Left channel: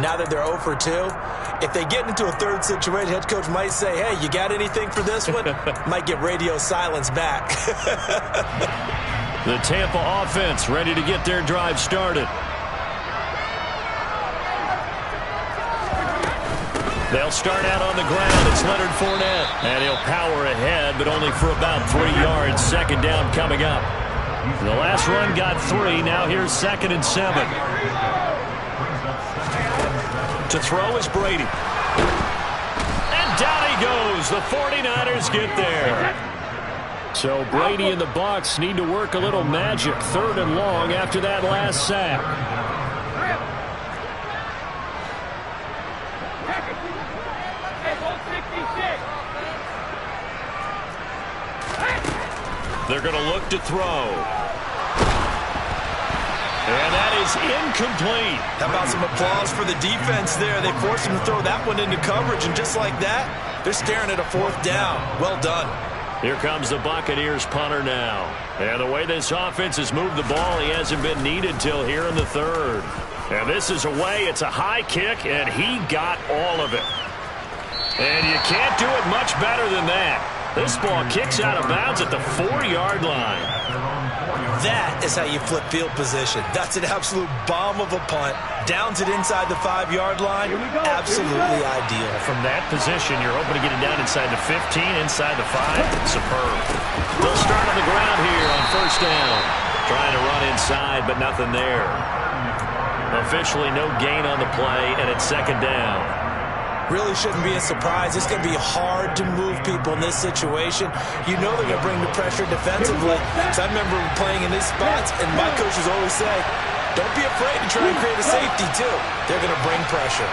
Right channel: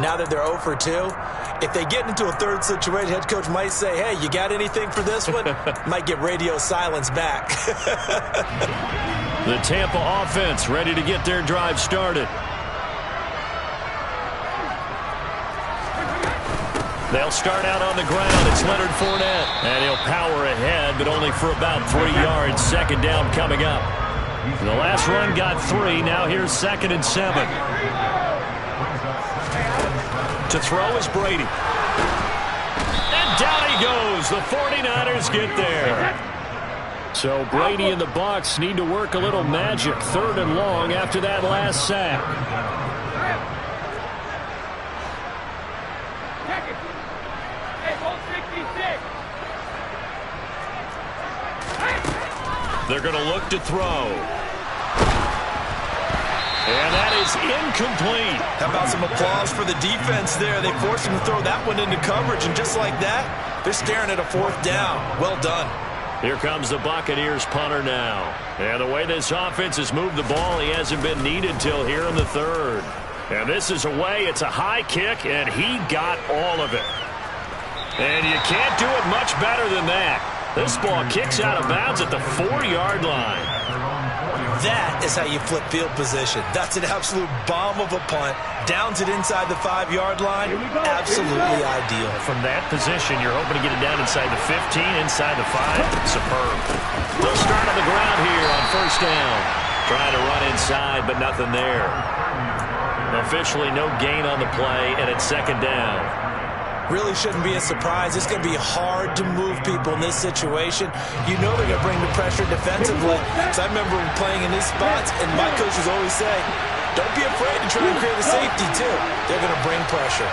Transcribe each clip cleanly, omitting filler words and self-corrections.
Now that they're 0 for 2, if they get into a third situation, head coach might say, hey, you got anything for this one? Might get radio silence back. The Tampa offense ready to get their drive started. They'll start out on the ground. It's Leonard Fournette. And he'll power ahead, but only for about 3 yards. Second down coming up. The last run got 3. Now here's 2nd and 7. To throw is Brady. And down he goes. The 49ers get there. So Brady and the Bucs need to work a little magic. 3rd and long after that last sack. They're going to look to throw. And that is incomplete. How about some applause for the defense there? They forced him to throw that one into coverage, and just like that, they're staring at a 4th down. Well done. Here comes the Buccaneers punter now. And the way this offense has moved the ball, he hasn't been needed till here in the 3rd. And this is away. It's a high kick, and he got all of it. And you can't do it much better than that. This ball kicks out of bounds at the 4-yard line. That is how you flip field position. That's an absolute bomb of a punt. Downs it inside the 5-yard line. Absolutely ideal. From that position, you're hoping to get it down inside the 15, inside the 5. Superb. They'll start on the ground here on 1st down. Trying to run inside, but nothing there. Officially no gain on the play, and it's 2nd down. Really shouldn't be a surprise. It's going to be hard to move people in this situation. You know they're going to bring the pressure defensively. So I remember playing in these spots, and my coaches always say, don't be afraid to try and create a safety, too. They're going to bring pressure.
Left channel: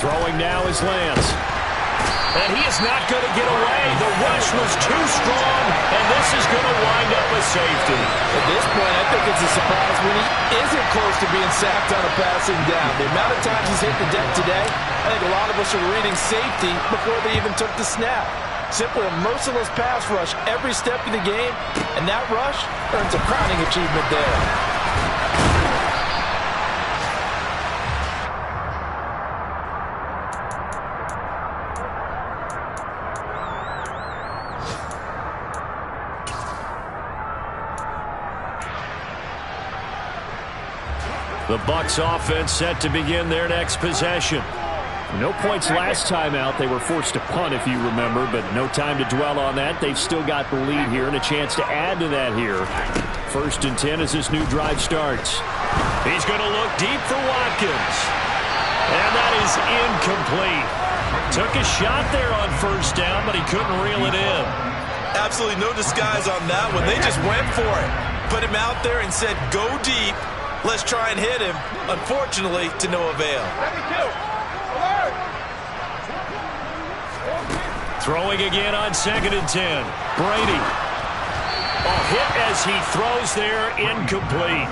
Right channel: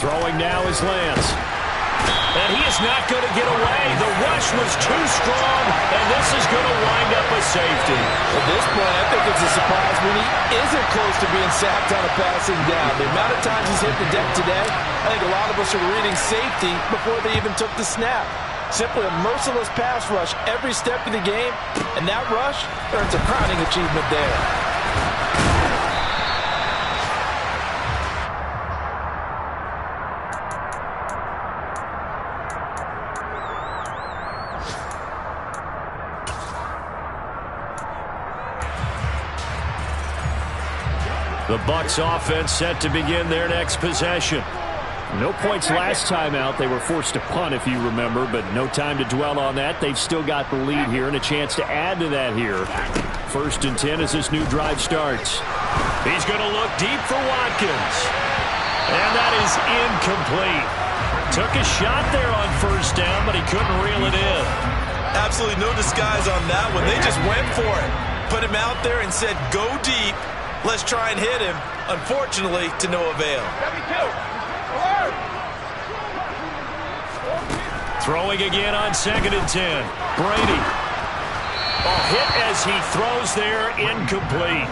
Throwing now is Lance. And he is not going to get away. The rush was too strong, and this is going to wind up a safety. At this point, I think it's a surprise when he isn't close to being sacked on a passing down. The amount of times he's hit the deck today, I think a lot of us are reading safety before they even took the snap. Simply a merciless pass rush every step of the game, and that rush earns a crowning achievement there. The Bucs offense set to begin their next possession. No points last time out. They were forced to punt, if you remember, but no time to dwell on that. They've still got the lead here and a chance to add to that here. 1st and 10 as this new drive starts. He's going to look deep for Watkins. And that is incomplete. Took a shot there on 1st down, but he couldn't reel it in. Absolutely no disguise on that one. They just went for it. Put him out there and said, go deep. Let's try and hit him. Unfortunately, to no avail. Throwing again on 2nd and 10. Brady. A hit as he throws there, incomplete.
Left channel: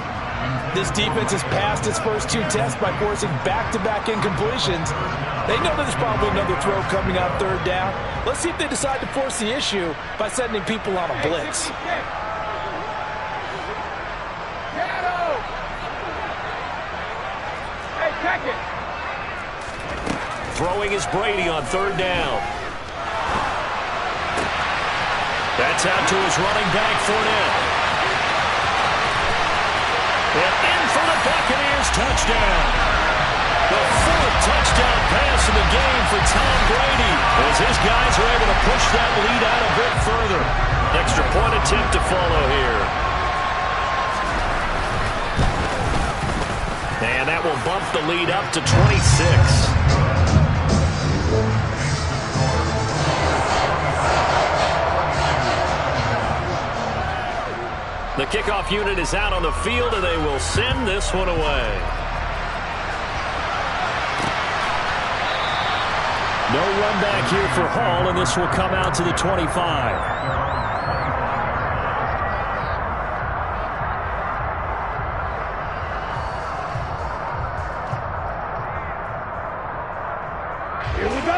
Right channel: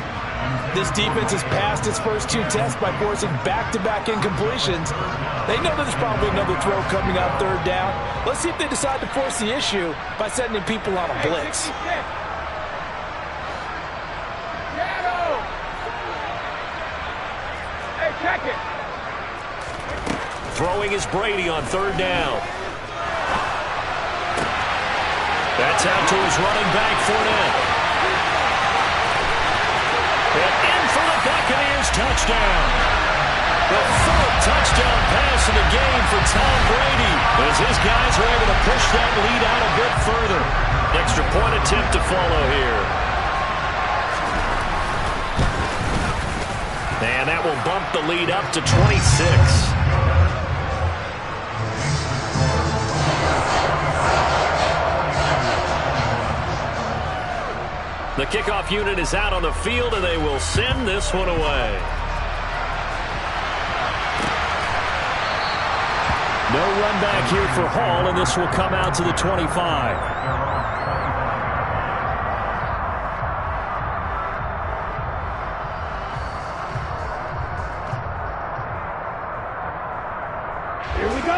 This defense has passed its first 2 tests by forcing back-to-back incompletions. They know there's probably another throw coming on 3rd down. Let's see if they decide to force the issue by sending people on a blitz. Throwing is Brady on 3rd down. That's out to his running back, Fournette. And in for the Buccaneers, touchdown. The 4th touchdown pass of the game for Tom Brady, as his guys are able to push that lead out a bit further. Extra point attempt to follow here. And that will bump the lead up to 26. The kickoff unit is out on the field, and they will send this one away. No run back here for Hall, and this will come out to the 25.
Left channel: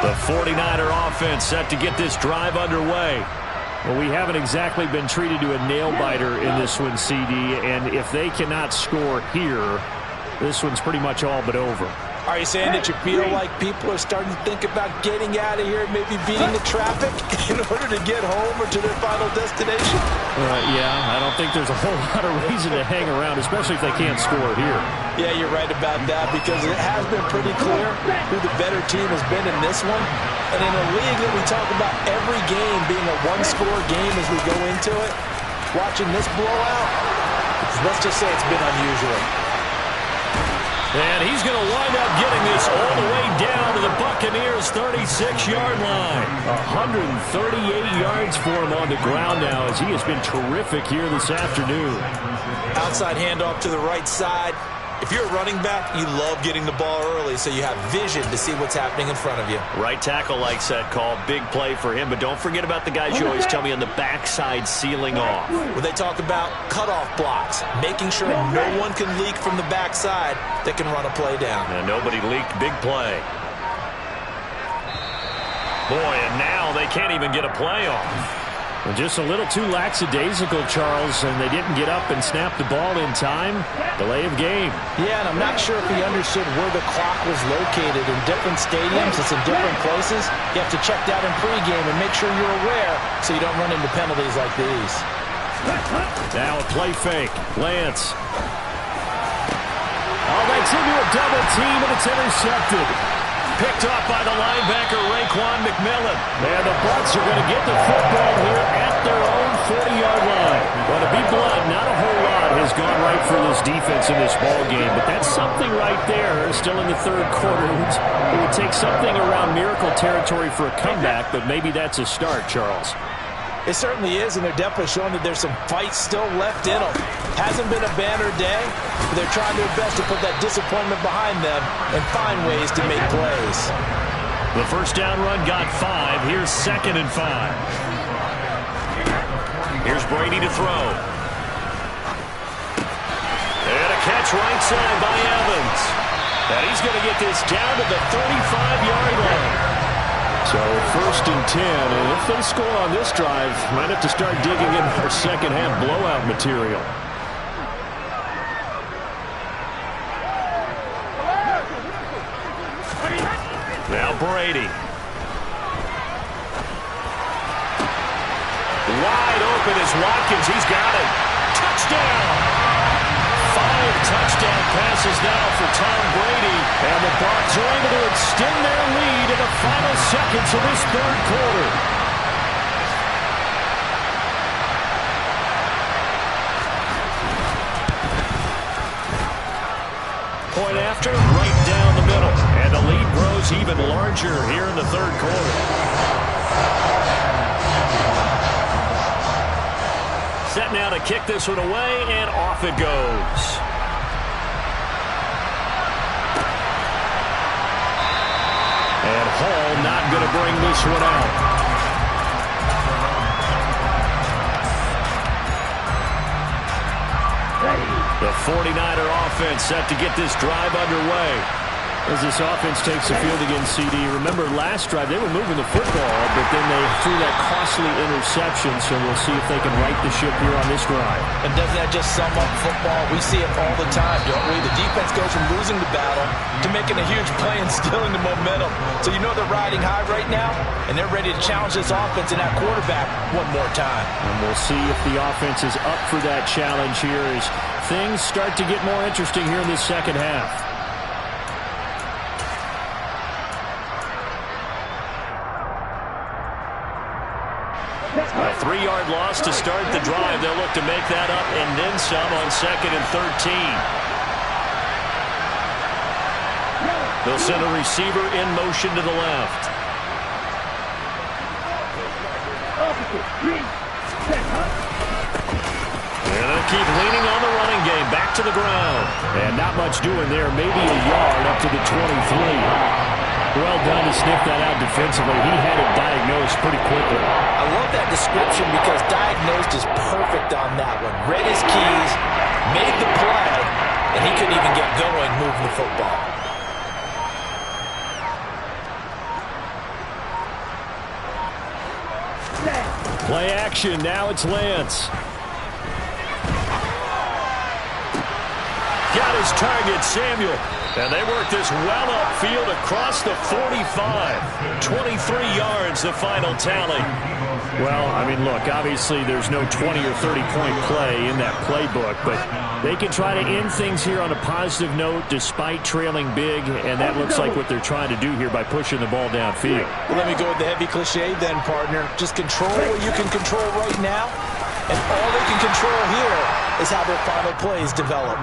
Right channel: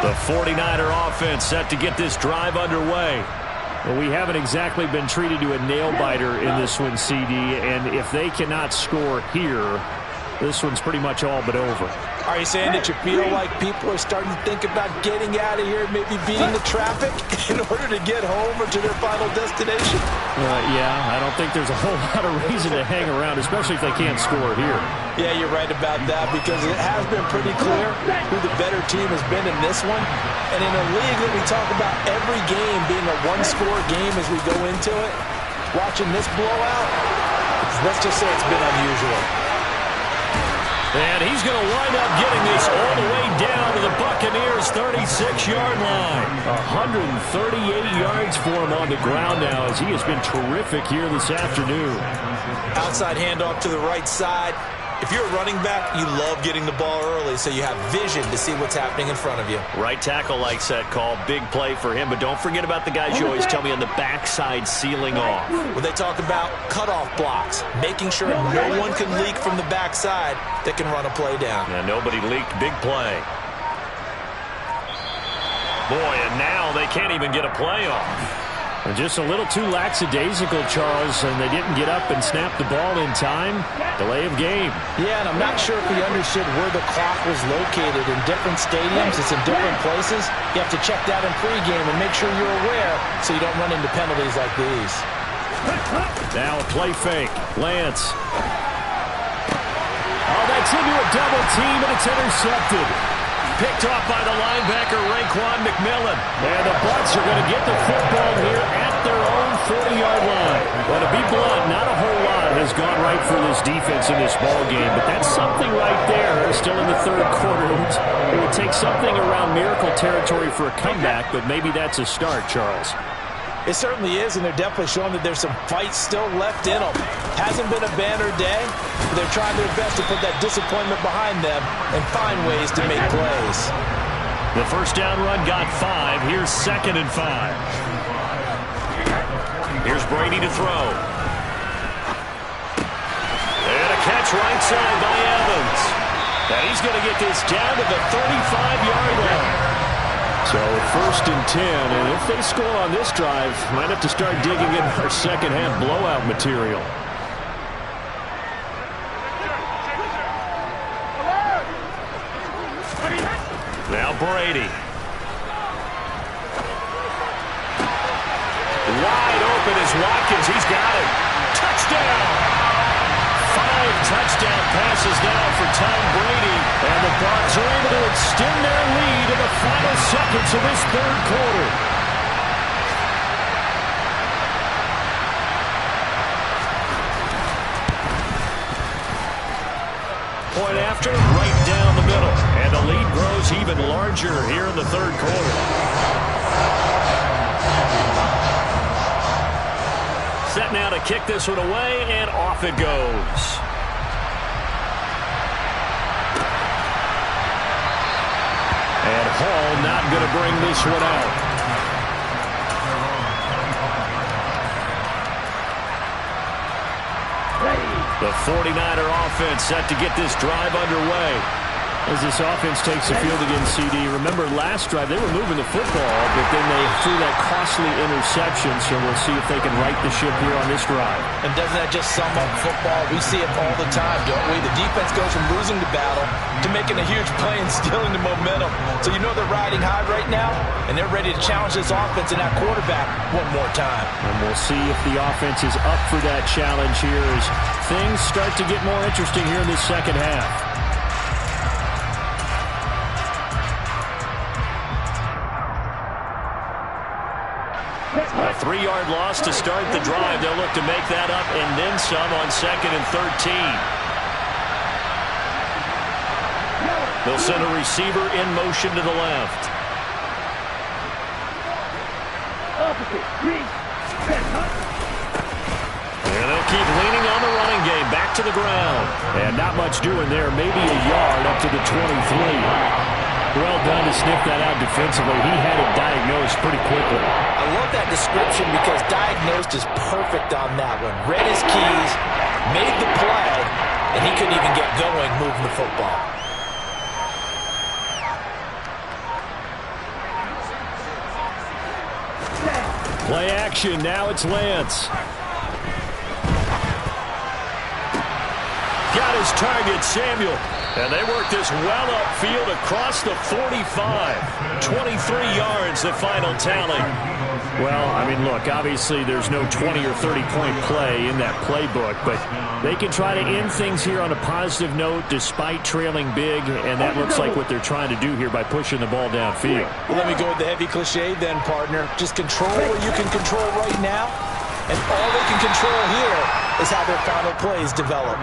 The 49er offense set to get this drive underway. Well, we haven't exactly been treated to a nail-biter in this one, CD, and if they cannot score here, this one's pretty much all but over. Are you saying that you feel like people are starting to think about getting out of here, maybe beating the traffic in order to get home or to their final destination? Yeah, I don't think there's a whole lot of reason to hang around, especially if they can't score here. Yeah, you're right about that, because it has been pretty clear who the better team has been in this one. And in a league that we talk about every game being a one-score game as we go into it, watching this blowout, let's just say it's been unusual. And he's going to wind up getting this all the way down to the Buccaneers' 36-yard line. 138 yards for him on the ground now, as he has been terrific here this afternoon. Outside handoff to the right side. If you're a running back, you love getting the ball early so you have vision to see what's happening in front of you. Right tackle likes that call. Big play for him. But don't forget about the guys you always tell me on the backside sealing off. When they talk about cutoff blocks, making sure no one can leak from the backside that can run a play down. And nobody leaked. Big play. Boy, and now they can't even get a play off. Just a little too lackadaisical, Charles, and they didn't get up and snap the ball in time. Delay of game. Yeah, and I'm not sure if he understood where the clock was located in different stadiums. It's in different places. You have to check that in pregame and make sure you're aware so you don't run into penalties like these. Now a play fake. Lance. Oh, that's into a double team, and it's intercepted. Picked off by the linebacker, Raekwon McMillan. And the Bucs are going to get the football here at their own 40-yard line. Well, to be blunt, not a whole lot has gone right for this defense in this ball game, but that's something right there. Still in the third quarter. It would take something around miracle territory for a comeback, but maybe that's a start, Charles. It certainly is, and they're definitely showing that there's some fight still left in them. Hasn't been a banner day, but they're trying their best to put that disappointment behind them and find ways to make plays. The first down run got 5. Here's 2nd and 5. Here's Brady to throw. And a catch right side by Evans. And he's going to get this down to the 35-yard line. So 1st and 10, and if they score on this drive, might have to start digging in our second-half blowout material. Now Brady. Wide open is Watkins. He's got it. Touchdown! 5 touchdown passes now for Tom Brady. And the Bucs are able to extend their lead in the final seconds of this third quarter. Point after, right down the middle. And the lead grows even larger here in the third quarter. Set now to kick this one away, and off it goes. And Hall not going to bring this one out. The 49er offense set to get this drive underway. As this offense takes the field against CD, remember last drive they were moving the football, but then they threw that costly interception, so we'll see if they can right the ship here on this drive. And doesn't that just sum up football? We see it all the time, don't we? The defense goes from losing the battle to making a huge play and stealing the momentum. So you know they're riding high right now, and they're ready to challenge this offense and that quarterback one more time. And we'll see if the offense is up for that challenge here as things start to get more interesting here in this second half. A 3-yard loss to start the drive. They'll look to make that up and then some on 2nd and 13. They'll send a receiver in motion to the left. And they'll keep leaning on the running game. Back to the ground. And not much doing there. Maybe a yard up to the 23. Well done to sniff that out defensively. He had it diagnosed pretty quickly. I love that description because diagnosed is perfect on that one. Read his keys, made the play, and he couldn't even get going moving the football. Play action. Now it's Lance. Got his target, Samuel. And they work this well upfield across the 45. 23 yards, the final tally. Well, I mean, look, obviously there's no 20 or 30-point play in that playbook, but they can try to end things here on a positive note despite trailing big, and that looks like what they're trying to do here by pushing the ball downfield. Well, let me go with the heavy cliche then, partner. Just control what you can control right now, and all they can control here is how their final plays develop.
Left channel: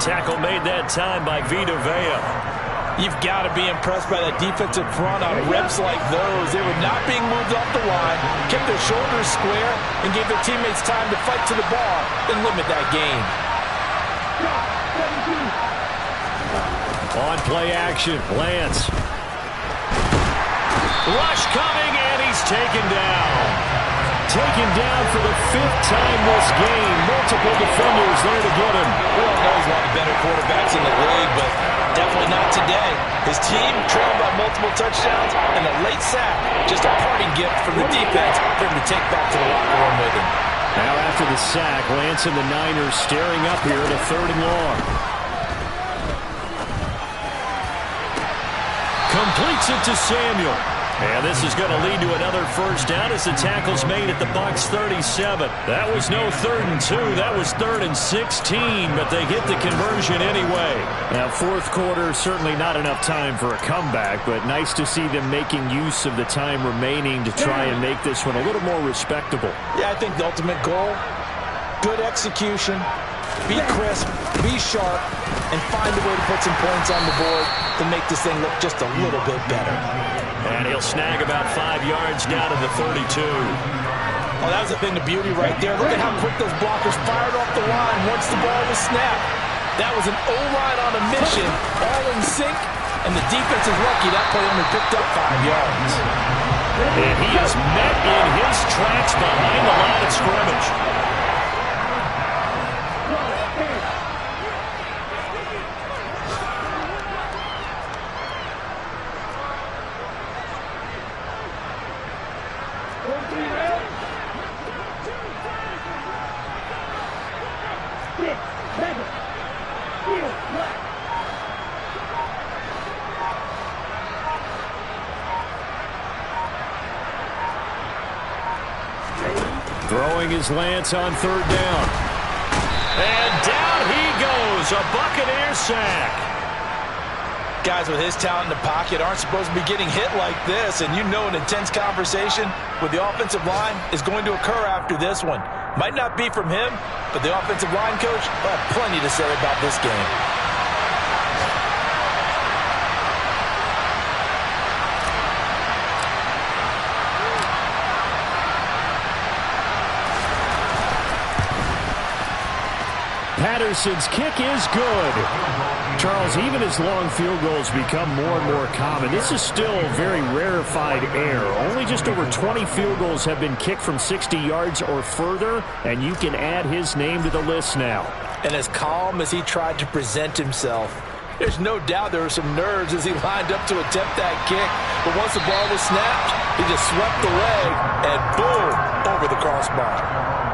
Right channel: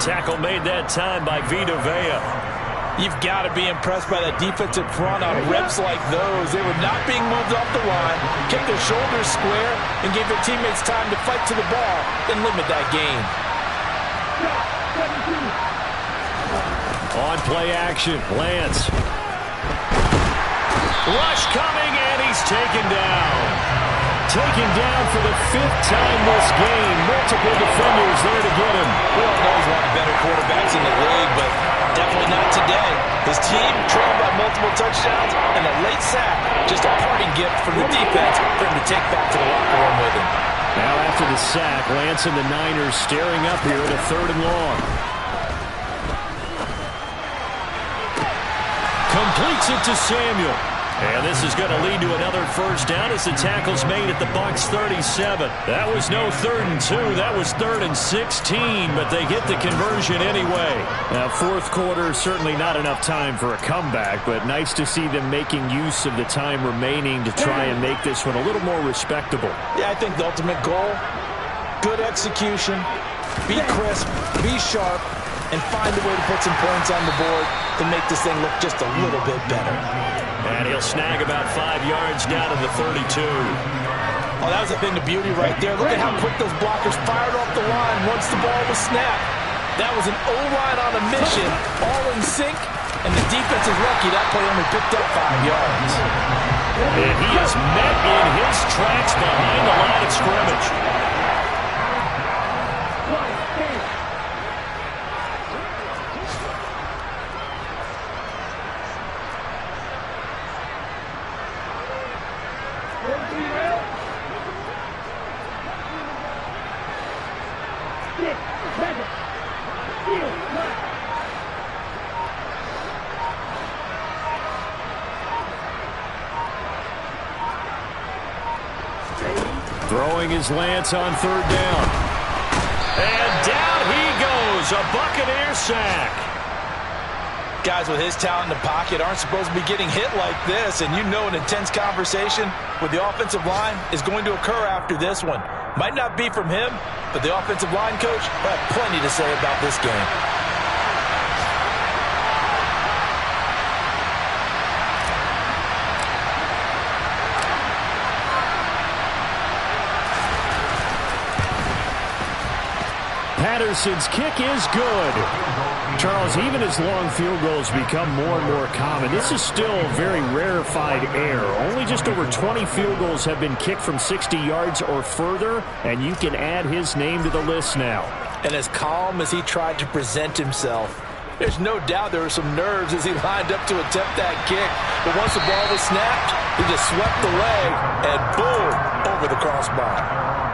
Tackle made that time by Vita Vea. You've got to be impressed by that defensive front on reps like those. They were not being moved off the line, kept their shoulders square, and gave their teammates time to fight to the ball and limit that gain. On play action, Lance. Rush coming, and he's taken down. Taken down for the 5th time this game. Multiple defenders there to get him. We all know he's one of the better quarterbacks in the league, but definitely not today. His team trailed by multiple touchdowns, and a late sack, just a parting gift from the defense for him to take back to the locker room with him. Now after the sack, Lance and the Niners staring up here at a 3rd and long. Completes it to Samuel. And this is going to lead to another first down as the tackle's made at the Bucs 37. That was no 3rd and 2. That was 3rd and 16, but they get the conversion anyway. Now, 4th quarter, certainly not enough time for a comeback, but nice to see them making use of the time remaining to try and make this one a little more respectable. Yeah, I think the ultimate goal, good execution, be crisp, be sharp, and find a way to put some points on the board to make this thing look just a little bit better. And he'll snag about 5 yards down to the 32. Oh, that was a thing of beauty right there. Look at how quick those blockers fired off the line once the ball was snapped. That was an O-line on a mission, all in sync, and the defense is lucky that play only picked up 5 yards. And he is met in his tracks behind the line of scrimmage. Throwing his Lance on 3rd down. And down he goes, a Buccaneer sack. Guys with his talent in the pocket aren't supposed to be getting hit like this, and you know an intense conversation with the offensive line is going to occur after this one. Might not be from him, but the offensive line coach will have plenty to say about this game. Patterson's kick is good. Charles, even as long field goals become more and more common, this is still very rarefied air. Only just over 20 field goals have been kicked from 60 yards or further, and you can add his name to the list now. And as calm as he tried to present himself, there's no doubt there were some nerves as he lined up to attempt that kick. But once the ball was snapped, he just swept the leg and boom, over the crossbar.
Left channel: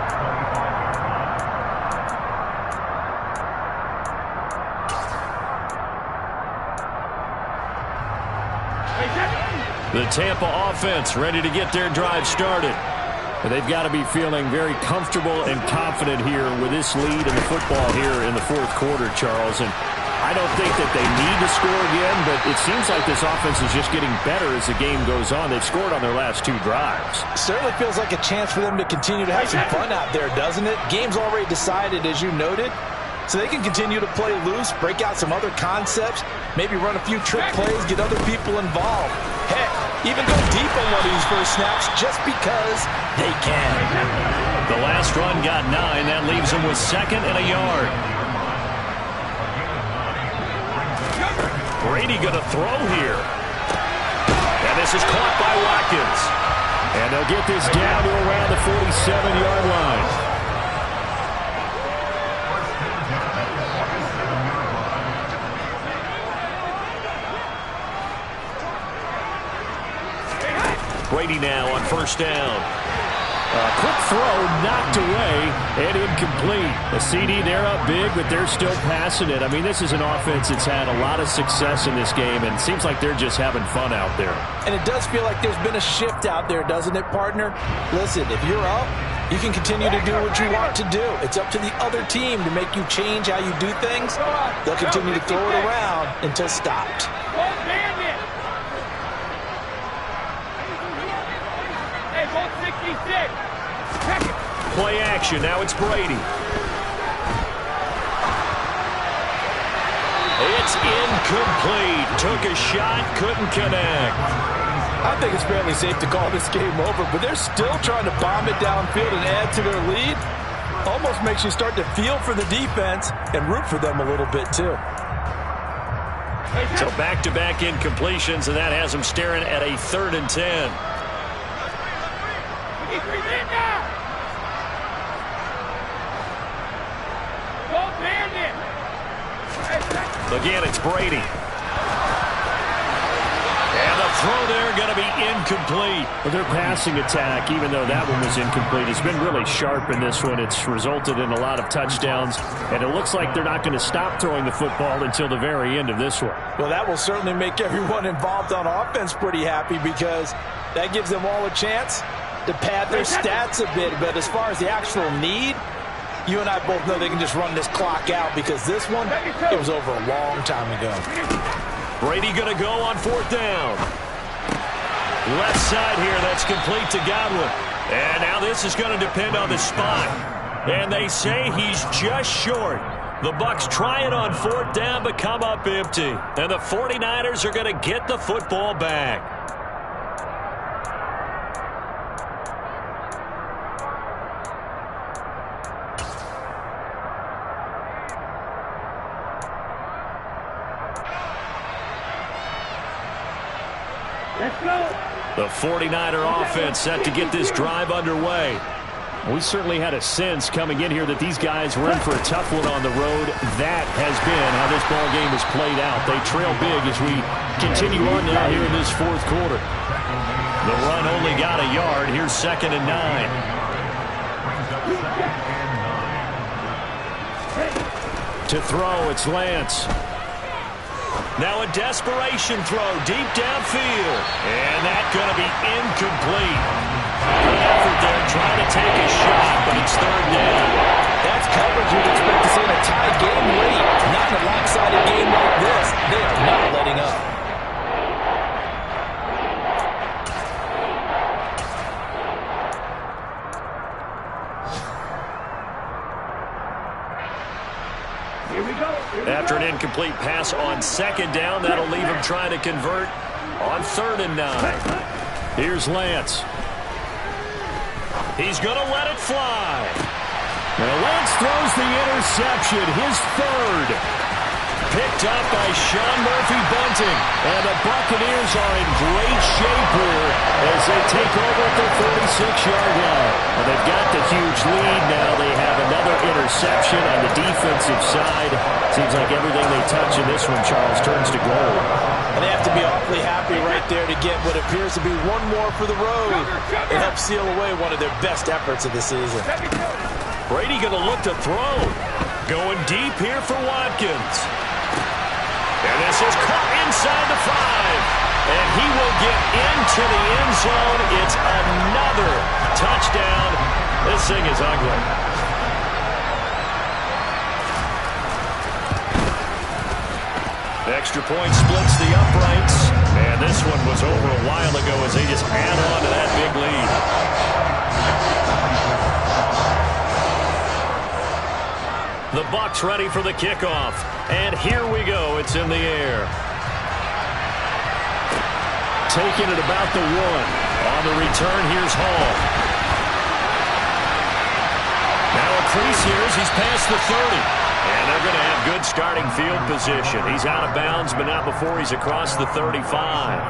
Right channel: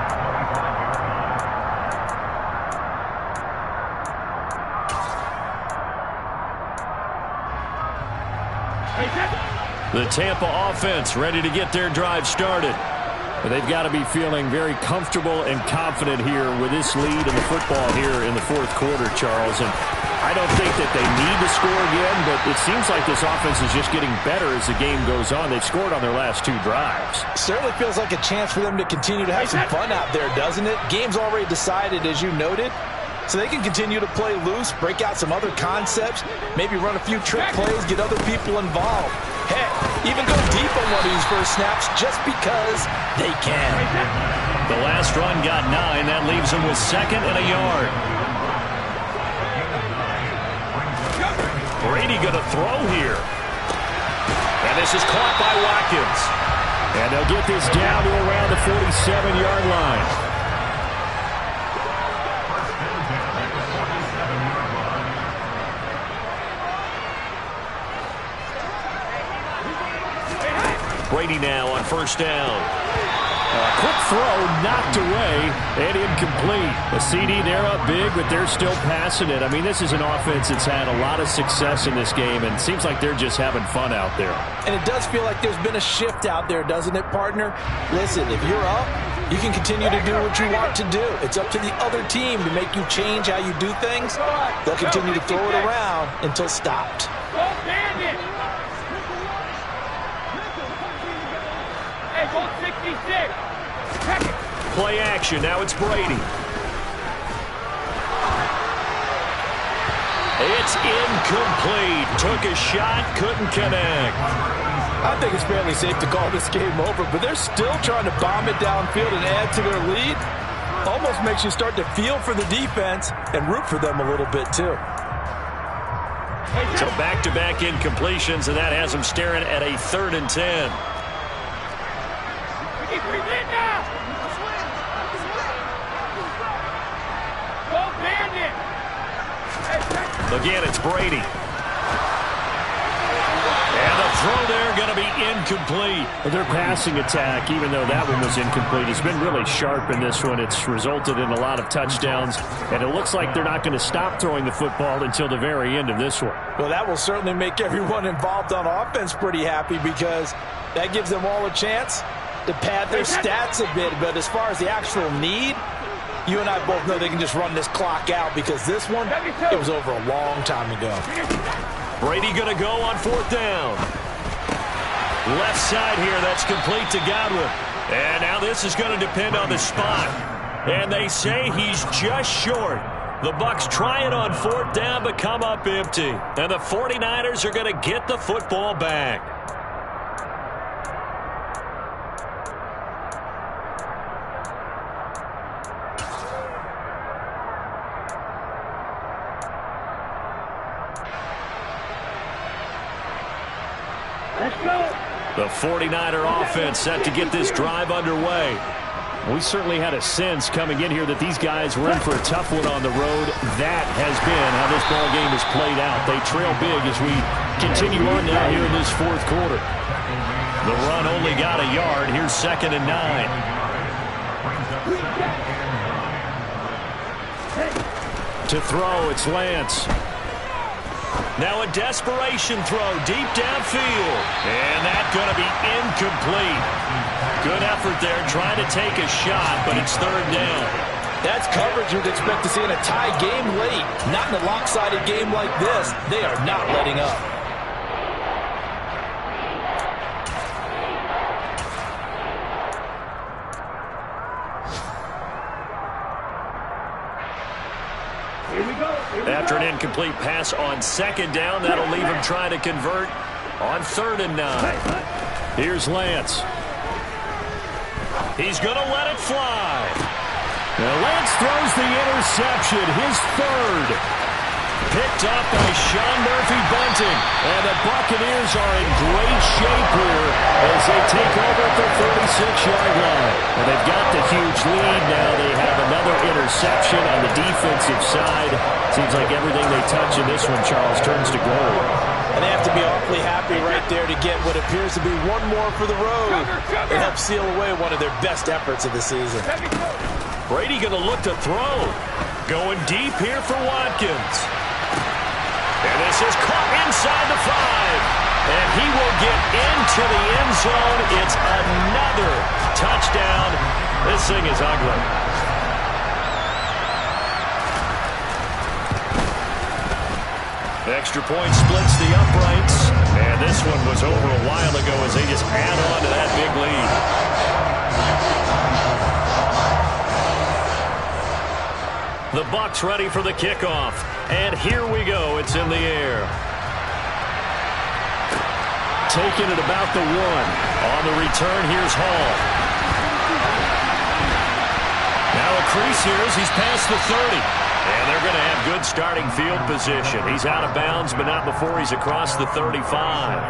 The Tampa offense ready to get their drive started. But they've got to be feeling very comfortable and confident here with this lead in the football here in the 4th quarter, Charles. And I don't think that they need to score again, but it seems like this offense is just getting better as the game goes on. They've scored on their last 2 drives. Certainly feels like a chance for them to continue to have some fun out there, doesn't it? Game's already decided, as you noted. So they can continue to play loose, break out some other concepts, maybe run a few trick plays, get other people involved. Heck, even go deep on one of these first snaps just because they can. The last run got 9. That leaves them with 2nd and a yard. Brady going to throw here. And this is caught by Watkins. And they'll get this down to around the 47-yard line. Brady now on 1st down. Quick throw knocked away and incomplete. The CD, they're up big, but they're still passing it. I mean, this is an offense that's had a lot of success in this game, and it seems like they're just having fun out there. And it does feel like there's been a shift out there, doesn't it, partner? Listen, if you're up, you can continue to do what you want to do. It's up to the other team to make you change how you do things. They'll continue to throw it around until stopped. Hey, go 66. Play action. Now it's Brady. It's incomplete. Took a shot, couldn't connect. I think it's fairly safe to call this game over, but they're still trying to bomb it downfield and add to their lead. Almost makes you start to feel for the defense and root for them a little bit too. So back-to-back incompletions, and that has them staring at a 3rd and 10. Again, it's Brady. And the throw there going to be incomplete. Well, their passing attack, even though that one was incomplete, has been really sharp in this one. It's resulted in a lot of touchdowns, and it looks like they're not going to stop throwing the football until the very end of this one. Well, that will certainly make everyone involved on offense pretty happy because that gives them all a chance to pad their stats a bit. But as far as the actual need, you and I both know they can just run this clock out because this one, it was over a long time ago. Brady going to go on 4th down. Left side here, that's complete to Godwin. And now this is going to depend on the spot. And they say he's just short. The Bucs try it on 4th down but come up empty. And the 49ers are going to get the football back. Let's go. The 49er offense set to get this drive underway. We certainly had a sense coming in here that these guys were in for a tough one on the road. That has been how this ball game has played out. They trail big as we continue on now here in this 4th quarter. The run only got a yard. Here's 2nd and 9. To throw, it's Lance. Now a desperation throw deep downfield. And that's going to be incomplete. Good effort there trying to take a shot, but it's 3rd down. That's coverage you'd expect to see in a tie game late. Not in a lopsided game like this. They are not letting up. After an incomplete pass on 2nd down, that'll leave him trying to convert on 3rd and 9. Here's Lance. He's going to let it fly. Now Lance throws the interception, his 3rd. Picked up by Sean Murphy-Bunting. And the Buccaneers are in great shape here as they take over at the 36-yard line. Well, they've got the huge lead now. They have another interception on the defensive side. Seems like everything they touch in this one, Charles, turns to gold. And they have to be awfully happy right there to get what appears to be one more for the road. It helps seal away one of their best efforts of the season. Brady going to look to throw. Going deep here for Watkins. And this is caught inside the 5. And he will get into the end zone. It's another touchdown. This thing is ugly. Extra point splits the uprights. And this one was over a while ago as they just add on to that big lead. The Bucs ready for the kickoff. And here we go. It's in the air. Taking it about the 1. On the return, here's Hall. Now a crease here as he's past the 30. And they're going to have good starting field position. He's out of bounds, but not before he's across the 35.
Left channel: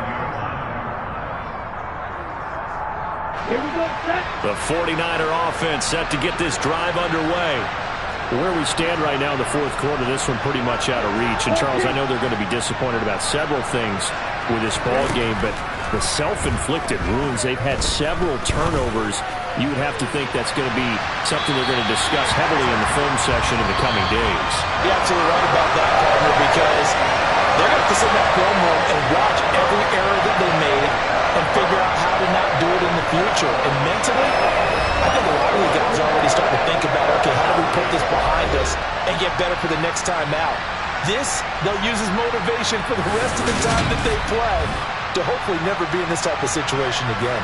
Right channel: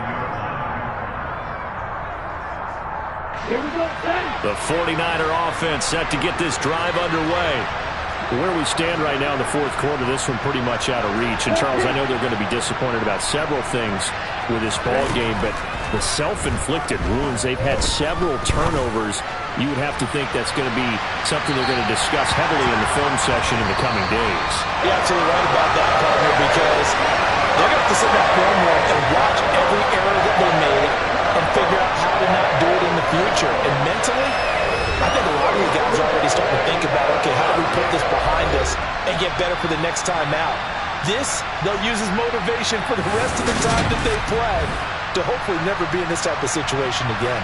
Here we go, set. The 49er offense set to get this drive underway. Where we stand right now in the 4th quarter, this one pretty much out of reach. And, Charles, I know they're going to be disappointed about several things with this ball game, but the self-inflicted wounds, they've had several turnovers you would have to think that's going to be something they're going to discuss heavily in the film session in the coming days. You're absolutely right about that, partner, because they're going to have to sit in that film room and watch every error that they made and figure out how to not do it in the future. And mentally, I think a lot of the guys are already starting to think about, okay, how do we put this behind us and get better for the next time out? This, they'll use as motivation for the rest of the time that they play to hopefully never be in this type of situation again.